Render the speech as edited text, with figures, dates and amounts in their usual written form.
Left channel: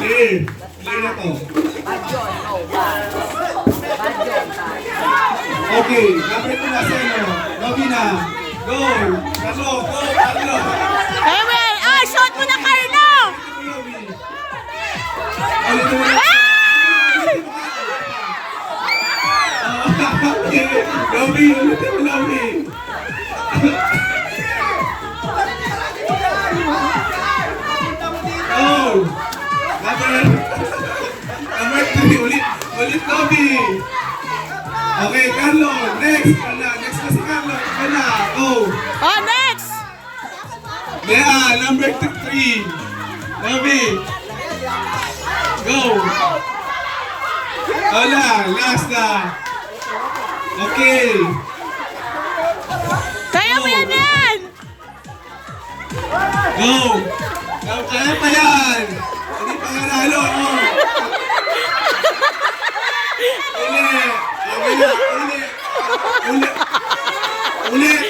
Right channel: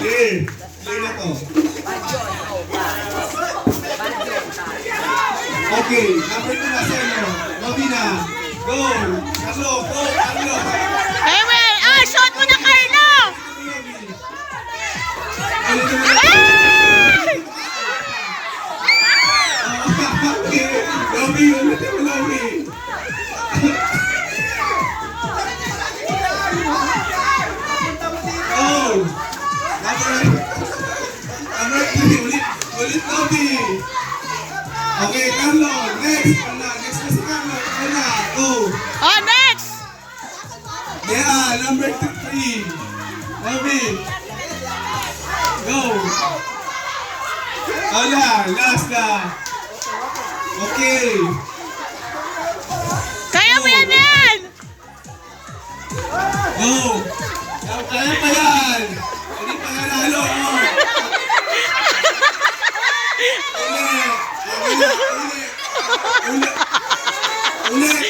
Okay. Play na to. Okay. Number 2 na sa'yo. Robin na. Go. Carlo. Go. Carlo. Hey, well, shot mo na, Carlo! Okay. Robin. Ulitin mo, Robin. Oh. Number 3. Ulit, Robin. Okay, Carlo. Next. Next na si Carlo. Wala. Go. Oh, next! Number 3. Robin. Go. Wala. Last na. Okay. Kaya mo yan, yan! Go. Kaya pa yan. Hindi pa nanalo. Ulit. Ulit.